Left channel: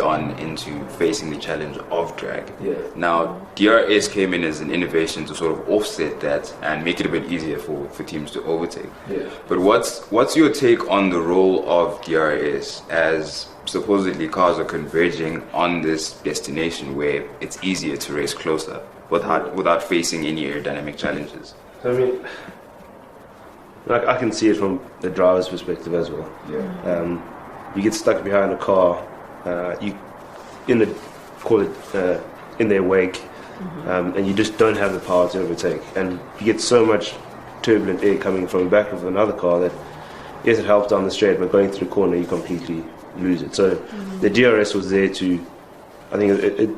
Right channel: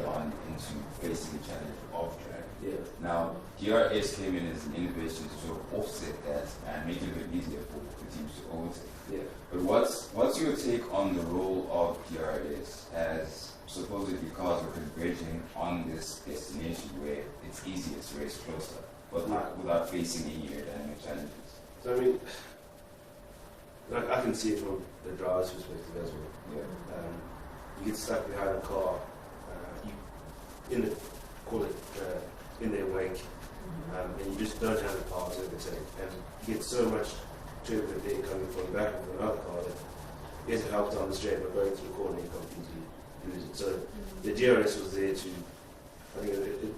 on into facing the challenge of drag. Yeah. Now, DRS came in as an innovation to sort of offset that and make it a bit easier for teams to overtake. Yeah. But what's your take on the role of DRS as supposedly cars are converging on this destination where it's easier to race closer without facing any aerodynamic challenges? So, I mean, like, I can see it from the driver's perspective as well. Yeah. You get stuck behind a car, in their wake, and you just don't have the power to overtake. And you get so much turbulent air coming from the back of another car that, yes, it helps down the straight, but going through the corner, you completely lose it. So the DRS was there to, I think, it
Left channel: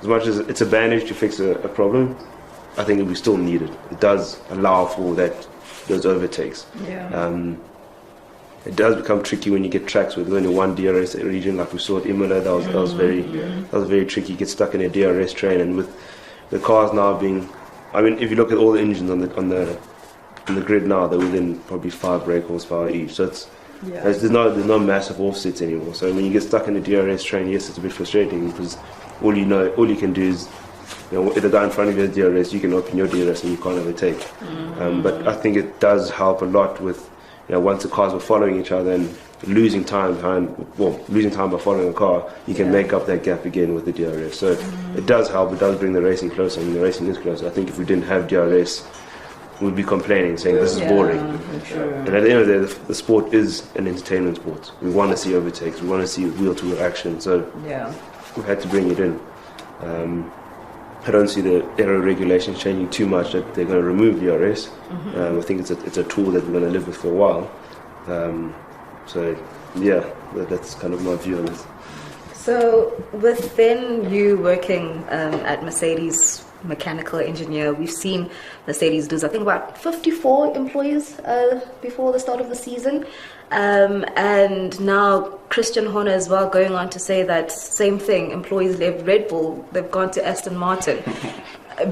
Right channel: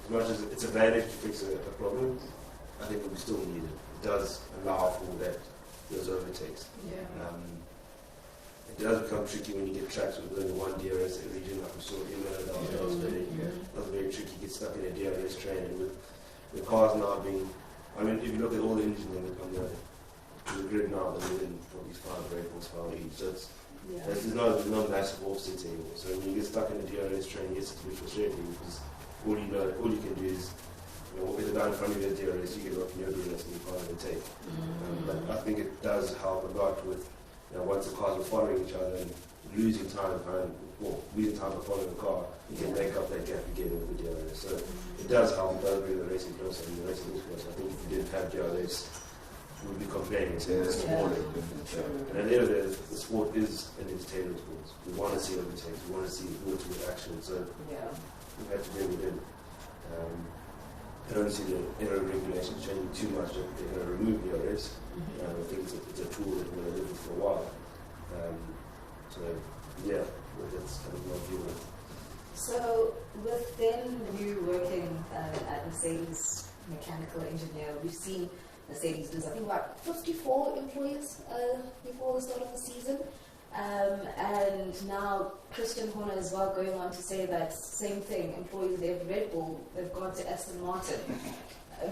as much as it's a bandage to fix a problem, I think we still need it. It does allow for those overtakes. Yeah. It does become tricky when you get tracks with only one DRS region, like we saw at Imola. That was very tricky. You get stuck in a DRS train, and with the cars now being, I mean, if you look at all the engines on the grid now, they're within probably 5 brake horsepower each. So there's no massive offsets anymore. So when you get stuck in a DRS train, yes, it's a bit frustrating because all you can do is, if the guy in front of you has DRS, you can open your DRS and you can't overtake. But I think it does help a lot with, once the cars are following each other and losing time by following a car, you can make up that gap again with the DRS. So it does help. It does bring the racing closer, and the racing is closer. I think if we didn't have DRS, we'd be complaining, saying this is boring. Sure. And at the end of the day, the sport is an entertainment sport. We want to see overtakes. We want to see wheel-to-wheel action. So we had to bring it in. I don't see the aero regulations changing too much that they're going to remove DRS. I think it's a tool that we're going to live with for a while. So yeah, that's kind of my view on this. So within you working at Mercedes mechanical engineer, we've seen Mercedes lose, I think, about 54 employees before the start of the season. And now Christian Horner as well going on to say that same thing, employees left Red Bull, they've gone to Aston Martin.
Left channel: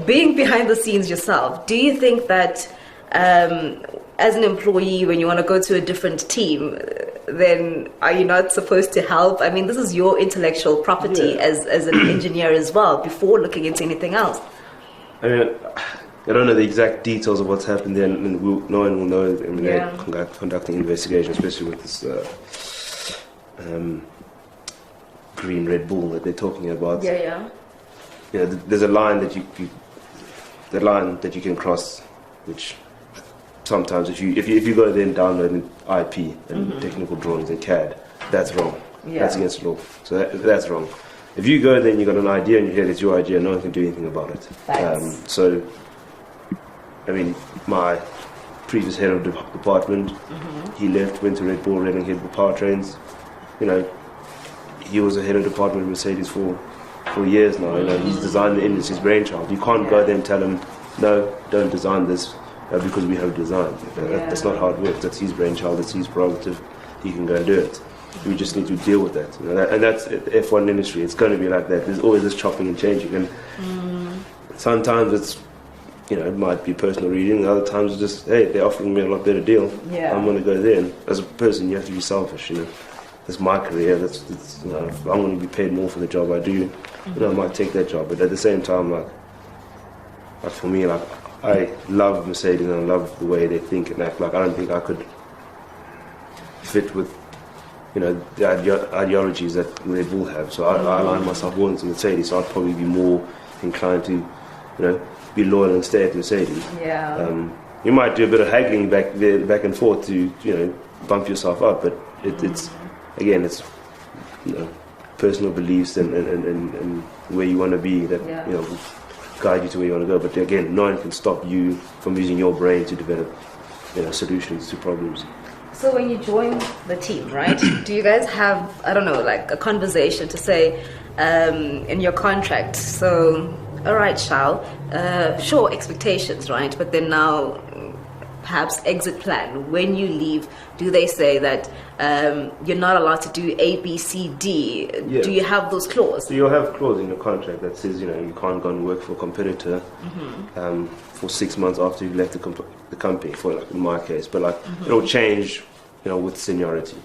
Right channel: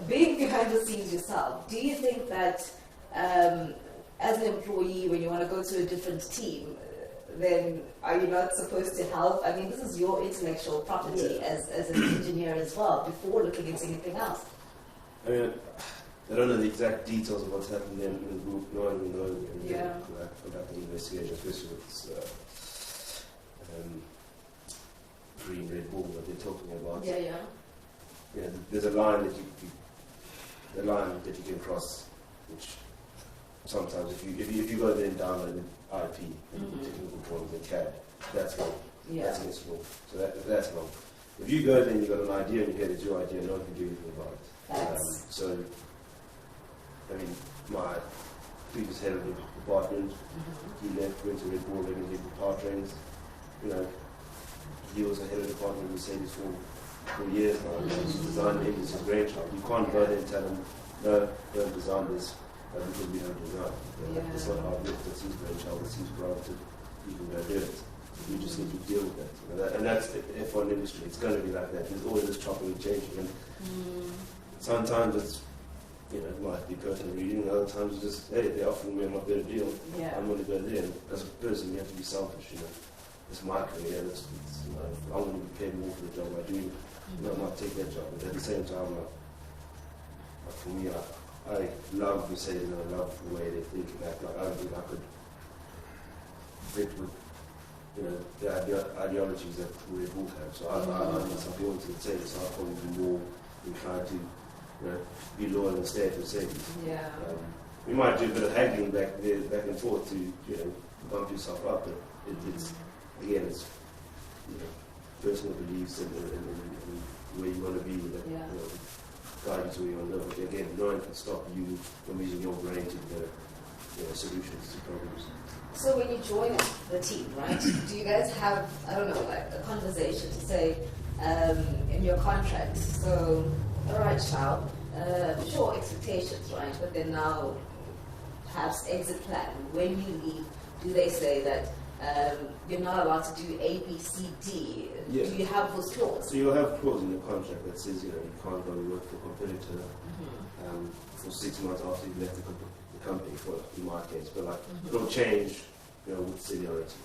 Being behind the scenes yourself, do you think that as an employee, when you want to go to a different team, then are you not supposed to help? I mean, this is your intellectual property as an engineer as well, before looking into anything else. I mean, I don't know the exact details of what's happened there, and no one will know when they're conducting investigation, especially with this green Red Bull that they're talking about. There's a line that you can cross, which sometimes if you go there and download an IP and technical drawings and CAD, that's wrong. That's against the law. So that's wrong. If you go there and you've got an idea in your head, it's your idea, no one can do anything about it. So, I mean, my previous head of the department, he left, went to Red Bull, running head of the powertrains. He was the head of department at Mercedes for years now. He's designed the engine, it's his brainchild. You can't go there and tell him, no, don't design this because we have design. That's not how it works. That's his brainchild, that's his prerogative. He can go and do it. We just need to deal with that. And that's the F1 industry. It's going to be like that. There's always this chopping and changing. And sometimes it's, it might be personal reading. Other times it's just, hey, they're offering me a lot better deal. I'm going to go there. And as a person, you have to be selfish. That's my career. I'm going to be paid more for the job I do. I might take that job. But at the same time, like for me, I love Mercedes and I love the way they think and act. I don't think I could fit with the ideologies that Red Bull have. So I align myself more into Mercedes, so I'd probably be more inclined to, be loyal and stay at Mercedes. You might do a bit of haggling back and forth to, bump yourself up, but it's personal beliefs and where you want to be that, guide you to where you want to go. But again, no one can stop you from using your brain to develop, solutions to problems. So when you join the team, right, do you guys have, I don't know, like a conversation to say in your contract, so, all right, Shau, sure, expectations, right, but then now perhaps exit plan. When you leave, do they say that you're not allowed to do A, B, C, D? Yeah. Do you have those clauses? So you'll have a clause in your contract that says, you can't go and work for a competitor for 6 months after you've left the company, for in my case. But it'll change, with seniority.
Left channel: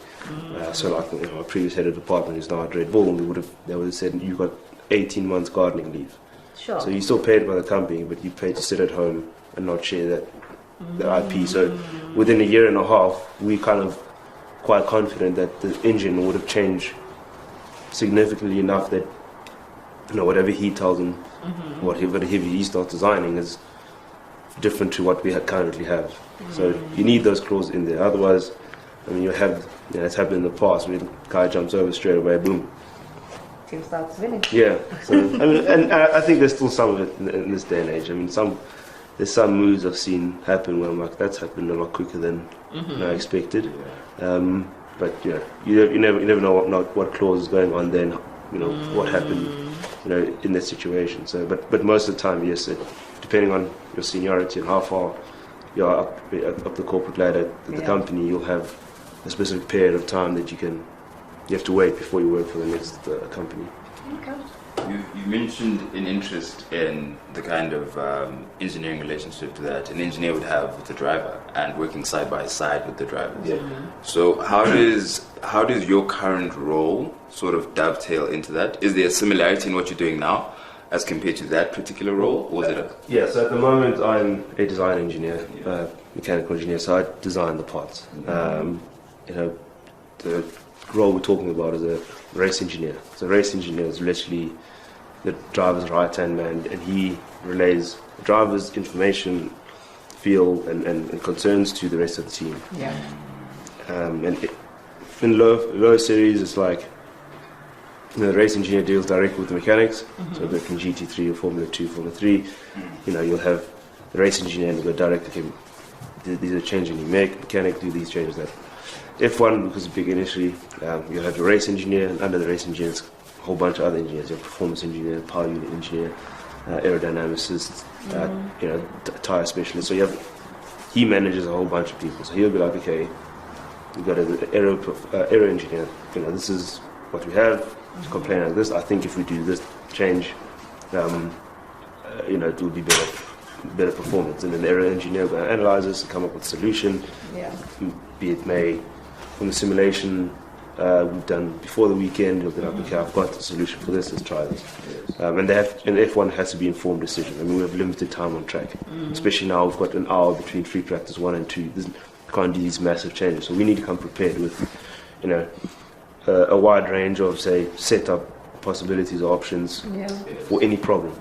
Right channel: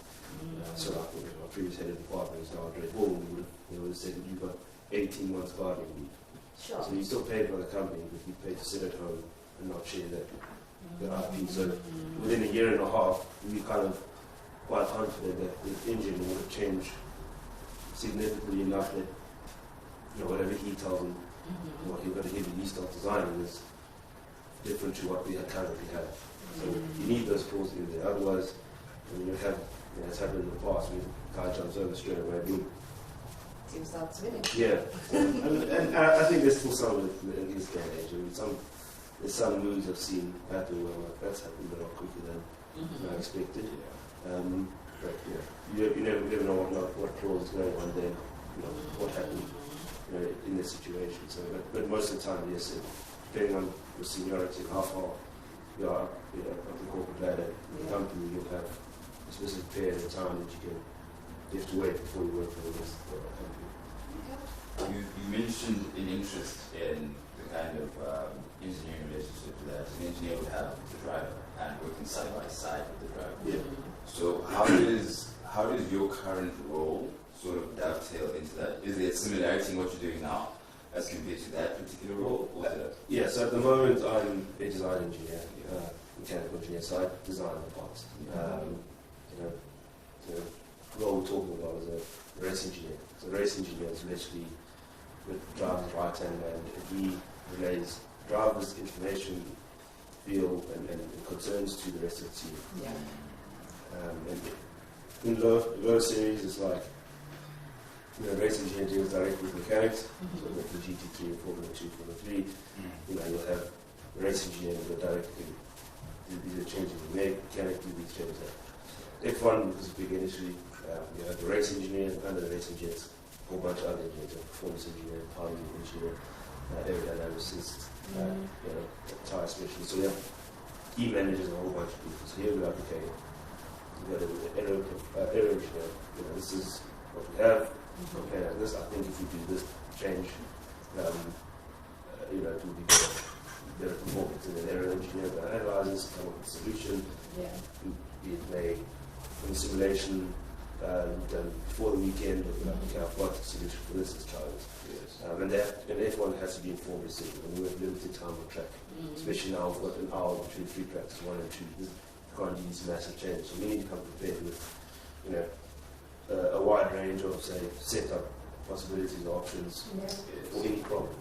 So like my previous head of department who's now at Red Bull, they would have said you got 18 months gardening leave. Sure. So you're still paid by the company, but you paid to sit at home and not share the IP. So within a year and a half, we kind of quite confident that the engine would have changed significantly enough that whatever he tells him, whatever he starts designing is different to what we currently have. So you need those clauses in there. Otherwise, I mean, it's happened in the past where the guy jumps over straight away, boom. Team starts winning. Yeah. So, I mean, and I think there's still some of it in this day and age. I mean, there's some moves I've seen happen where I'm like, that's happened a lot quicker than I expected. But yeah, you never know what clause is going on then. What happened, in that situation. So, but most of the time, yes, depending on your seniority and how far you're up the corporate ladder at the company, you'll have a specific period of time that you have to wait before you work for the next company. Okay. You mentioned an interest in the kind of engineering relationship that an engineer would have with the driver and working side by side with the driver. Yeah. So how does your current role sort of dovetail into that? Is there a similarity in what you're doing now as compared to that particular role, or is it Yeah, so at the moment I'm a design engineer, mechanical engineer, so I design the parts. The role we're talking about is a race engineer. So a race engineer is literally the driver's right-hand man, and he relays the driver's information, feel, and concerns to the rest of the team. Yeah. In low series, it's like the race engineer deals directly with the mechanics. So like in GT3 or Formula 2, Formula 3, you'll have the race engineer and go direct to him. These are changes you make, mechanic do these changes that. F1, because it's big initially, you have the race engineer, and under the race engineer, it's a whole bunch of other engineers. You have performance engineer, power unit engineer, aerodynamicist, tire specialist. So he manages a whole bunch of people. So he'll be like, okay, we've got an aero engineer. This is what we have. To complain like this, I think if we do this change, it will be better performance. And then the aero engineer will analyze this and come up with a solution. Yeah. Be it from the simulation we've done before the weekend, you'll be like, okay, I've got the solution for this, let's try this. And F1 has to be informed decision. I mean, we have limited time on track, especially now we've got an hour between free practice 1 and 2. You can't do these massive changes, so we need to come prepared with, a wide range of, say, setup possibilities or options for any problem.